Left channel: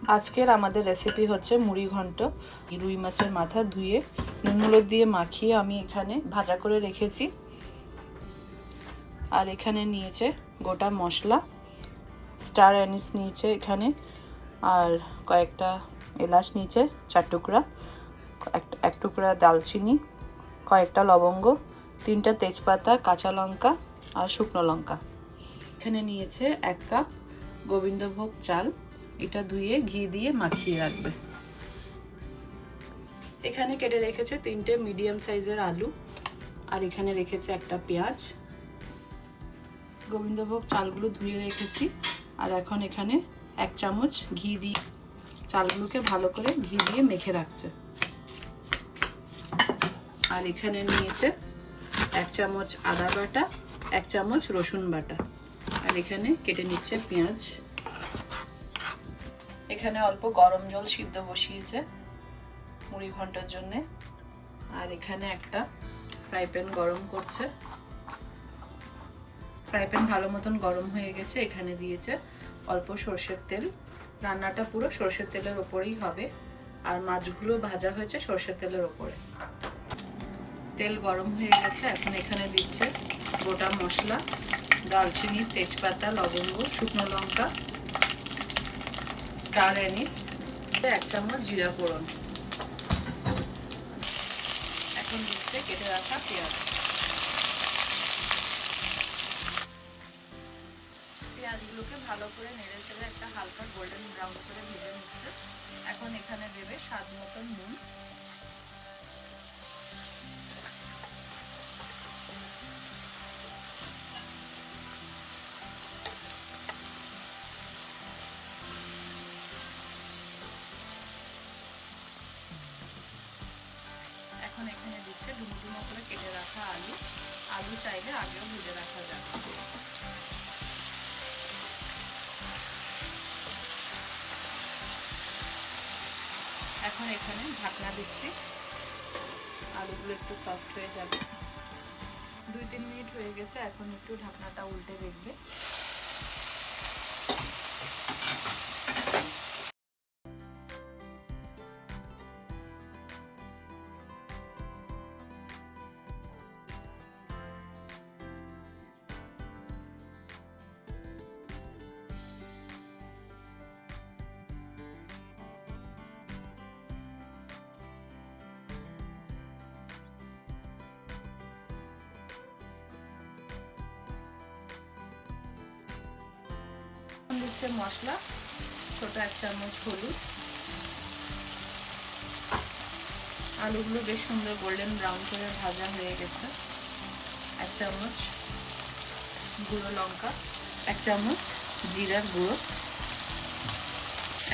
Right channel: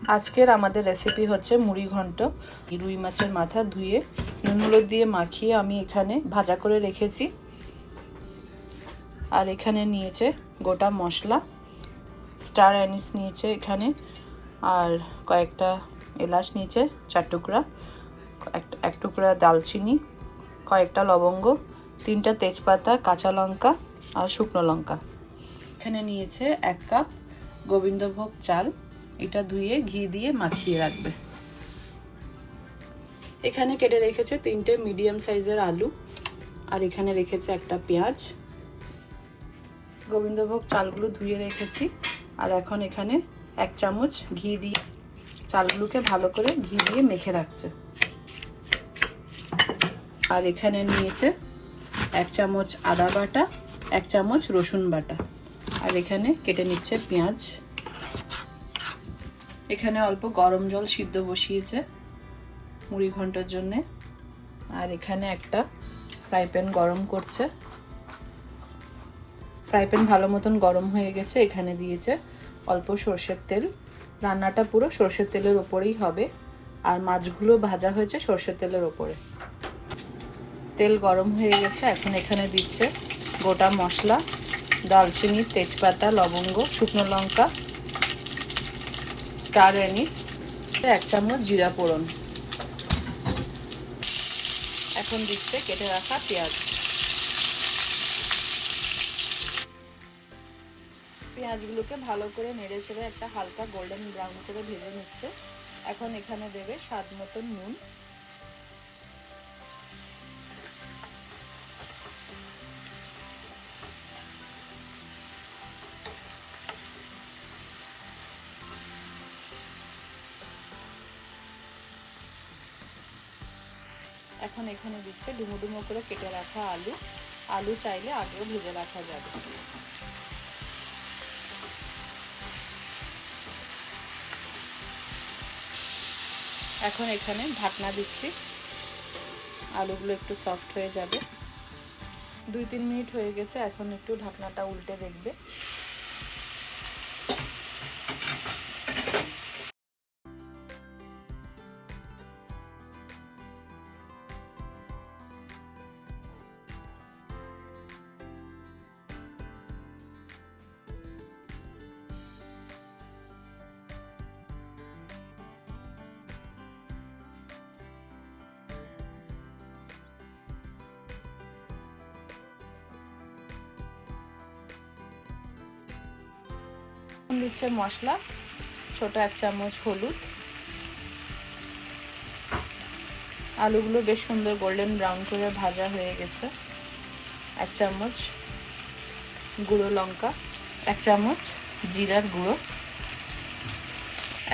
আজকের আমাদের রেসিপি হচ্ছে মুড়ি ঘন্ট। রুই মাছের মাথা ধুয়ে নুন হলুদ দিয়ে মাখিয়ে আমি এখানে ভাজা করে রেখেছি। আর এখানে নিয়েছে গোটা মশলা, স্টার অ্যানিস নিয়েছে এখানে, আর কয়েকটা এলাচ নিয়েছে 4 টুকরা, এক টুকরা দালচিনি, কয়েকটা লবঙ্গ, 3টা তেজপাতা, কাঁচা লঙ্কা আর শুকনো লঙ্কা। এখানে নিয়েছে 1 কাপ গোবিন্দভোগ চাল, এটা ধুয়ে ঘি দিয়ে মাখিয়ে রাখবে। এখানে কেটে রেখেছে 3টে মিডিয়াম সাইজের আলু, আর এখানে রেখেছে একটা পেঁয়াজ। গোবিন্দভোগ চালগুলো ধুয়ে রেখেছি, আর এখন এখানে 1 চামচ ঘি দিয়ে চালগুলোকে ভালো করে ঘি দিয়ে মেখে রাখছে। আর এখানে নিয়েছে 1 চামচ আদা বাটা, 1 চামচ রসুন বাটা, আর এখানে কেটে নিচ্ছে পেঁয়াজ। এখানে অল্প গরম জল সিদ্ধ বসিয়েছে মুড়ি ঘন্টার জন্য। আর এখানে একটা ফ্রাই প্যান গরম করছে। ফ্রাই প্যান ভালো মতন গরম হয়ে গেছে। এখানে দিয়েছে অল্প সরষের তেল। রান্নাটা পুরো সরষের তেলের ওপরেই হবে, আর মাছগুলো ভাজা হয়েছে সরষের তেলের ওপরে। তেল গরম হয়ে গেছে। এখন এখানে দিচ্ছে গোটা মশলা, দালচিনি, তেজপাতা, লবঙ্গ, শুকনো লঙ্কা, স্টার অ্যানিস, 1 চামচ জিরা ফোড়ন। এখন দিচ্ছে কেটে রাখা পেঁয়াজ। পেঁয়াজগুলোকে ভালো করে নেড়ে চেড়ে একটা হালকা গোল্ডেন ব্রাউন করে ভেজে নিচ্ছে। এখন এখানে দেবে স্বাদ মতন নুন। এখন এখানে দিচ্ছে ডুমো ডুমো করে কেটে রাখা আলু। আলু চাইলে আগেও ভেজে রাখা যাবে। এখন এখানে ঢাকনা দিচ্ছি, আলুগুলো একটু সফট হয়ে যাবে। 2-3 মিনিট হয়ে গেছে। এখন একটু ঢাকনাটা উল্টে দেখবে। দিচ্ছে মশলা, ছোট 1 চামচ হলুদ। আলুগুলো বেশ সুন্দর গোল্ডেন ব্রাউন করে ভাজা হয়ে গেছে। 1 চামচ গুঁড়ো লঙ্কা, 1 চামচ জিরার গুঁড়ো।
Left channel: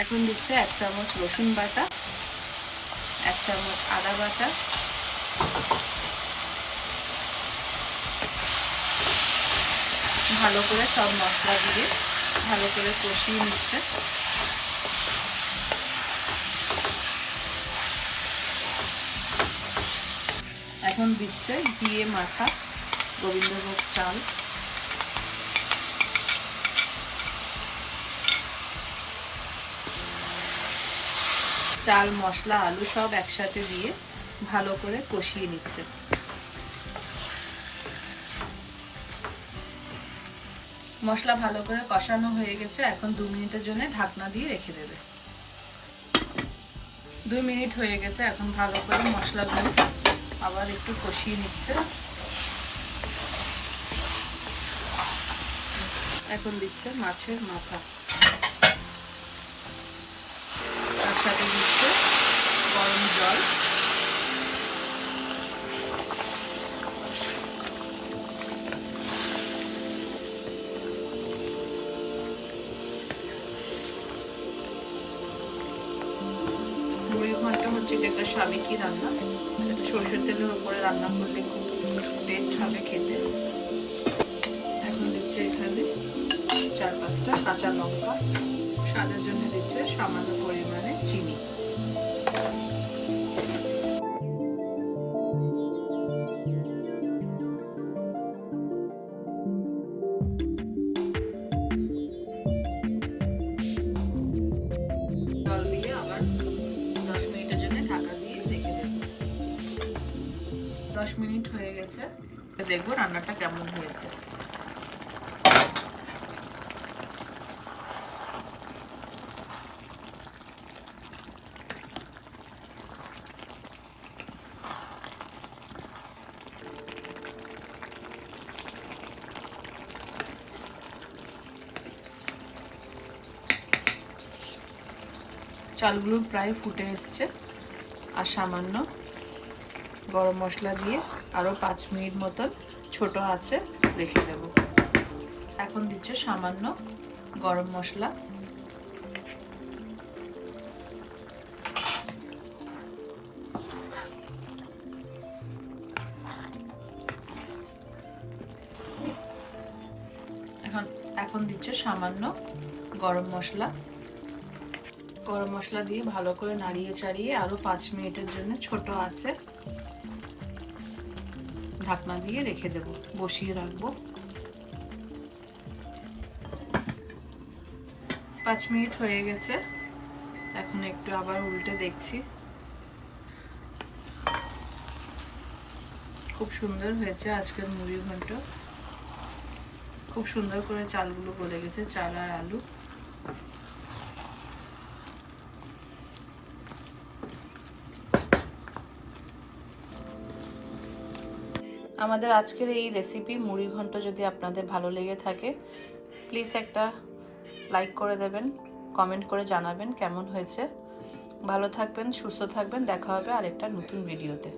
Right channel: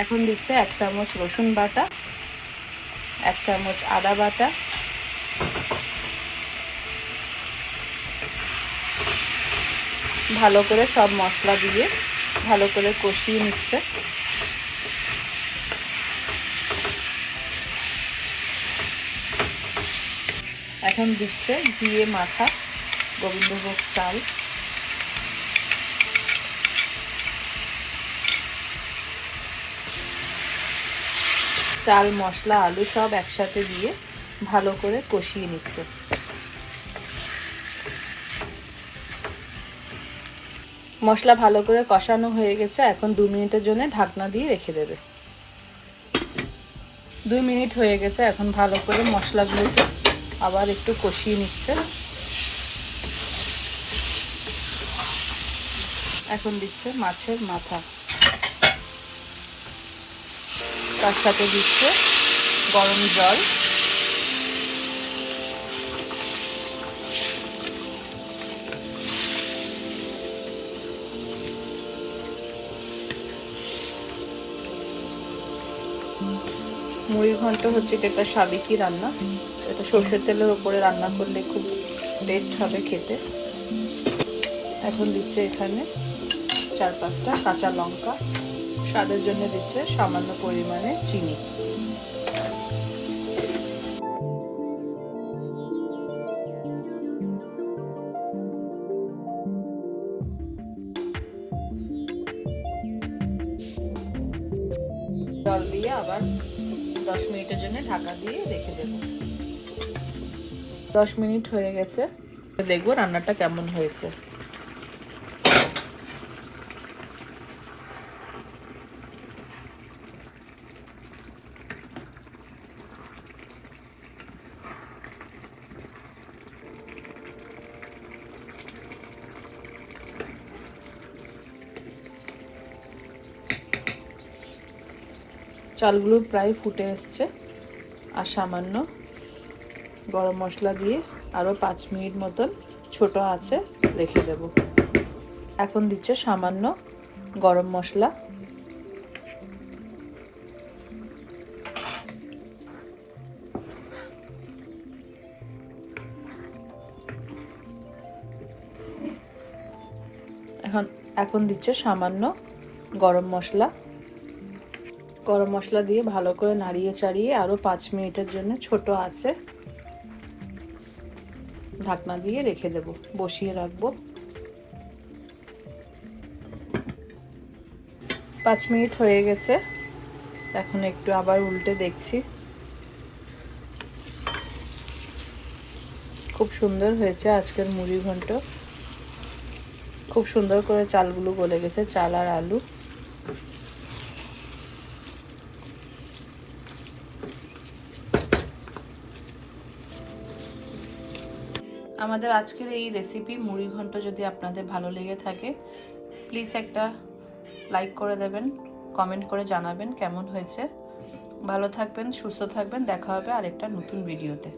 এখন দিচ্ছে 1 চামচ রসুন বাটা, 1 চামচ আদা বাটা, ভালো করে সব মশলা দিয়ে ভালো করে কষিয়ে নিচ্ছে। এখন দিচ্ছে দিয়ে মাখা গোবিন্দভোগ চাল। চাল, মশলা, আলু সব একসাথে দিয়ে ভালো করে কষিয়ে নিচ্ছে। মশলা ভালো করে কষানো হয়ে গেছে। এখন 2 মিনিটের জন্য ঢাকনা দিয়ে রেখে দেবে। 2 মিনিট হয়ে গেছে। এখন ভালো করে মশলাগুলোকে আবার একটু কষিয়ে নিচ্ছে। এখন দিচ্ছে মাছের মাথা, তার সাথে দিচ্ছে গরম জল। মুড়ি ঘন্ট হচ্ছে একটা সাবেকি রান্না। এটা সরষের তেলের উপরে রান্না করলে খুব টেস্ট হবে খেতে। এখন দিচ্ছে এখানে 4-5টা কাঁচা লঙ্কা। স্বাদের জন্য দিচ্ছে সামান্য পরিমাণে চিনি। জল দিয়ে আবার 10 মিনিটের জন্য ঢাকা দিয়ে রেখে দেব। 10 মিনিট হয়ে গেছে, দেখবো রান্নাটা কেমন হয়েছে। চালগুলো প্রায় ফুটে এসছে, আর সামান্য গরম মশলা দিয়ে আরও 5 মিনিট মতন ছোট আঁচে রেখে দেব। এখন দিচ্ছে সামান্য গরম মশলা, এখন দিচ্ছে সামান্য গরম মশলা। গরম মশলা দিয়ে ভালো করে নাড়িয়ে চাড়িয়ে আরও 5 মিনিটের জন্য ছোট আঁচে ঢাকনা দিয়ে রেখে দেব, বসিয়ে রাখবো। 5 মিনিট হয়ে গেছে, এখন একটু আবার উল্টে দেখছি। খুব সুন্দর হয়েছে আজকের মুড়ি ঘন্ট, খুব সুন্দর করে চালগুলো গলে গেছে, চাল আর আলু। আমাদের আজকের এই রেসিপি মুড়ি ঘন্ট যদি আপনাদের ভালো লেগে থাকে, প্লিজ একটা লাইক করে দেবেন, কমেন্ট করে জানাবেন কেমন হয়েছে। ভালো থাকবেন, সুস্থ থাকবেন, দেখা হবে আরেকটা নতুন ভিডিওতে।